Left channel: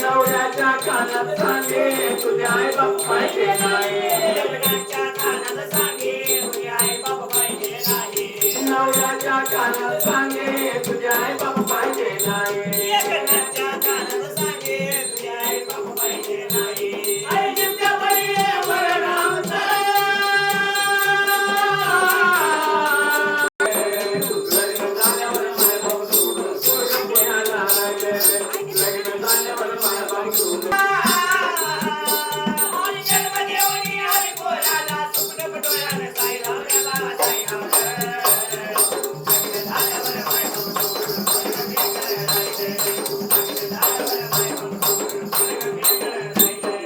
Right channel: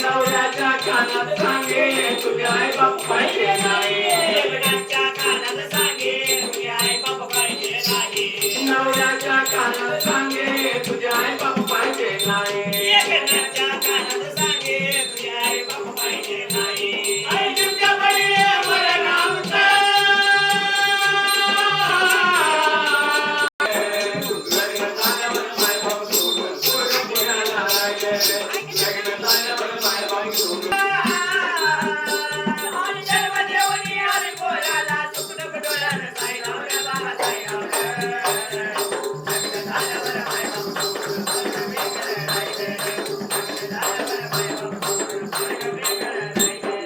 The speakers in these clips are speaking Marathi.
नवऱ्याच्या कानात सांगे तुझे आई बाप पाहिजे नाही. लग्नाच्या कानात सांगे तुझे आई बाप पाहिजे नाही. नवऱ्याच्या कानात सांगे तुझे आई बाप पाहिजे नाही. लग्नाच्या कानात सांगे तुझे आई बाप पाहिजे नाही. आई तुमच्या बळी बरं नामचं. लग्न झाल्यावर मायबाप सोडून पोरगं पुण्याला गेले. लग्न झाल्यावर मायबाप सोडून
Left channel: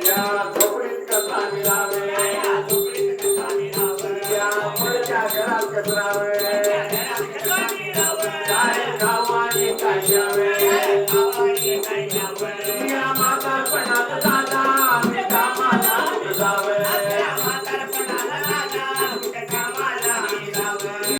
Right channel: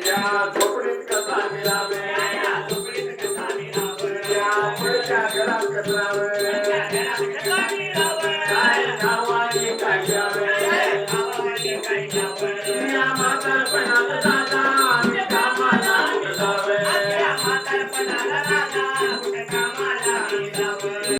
या झोपडीत कसा मिळावे. या पुढच्या घरात कसरावे. काय खावा आणि काय घ्यावे.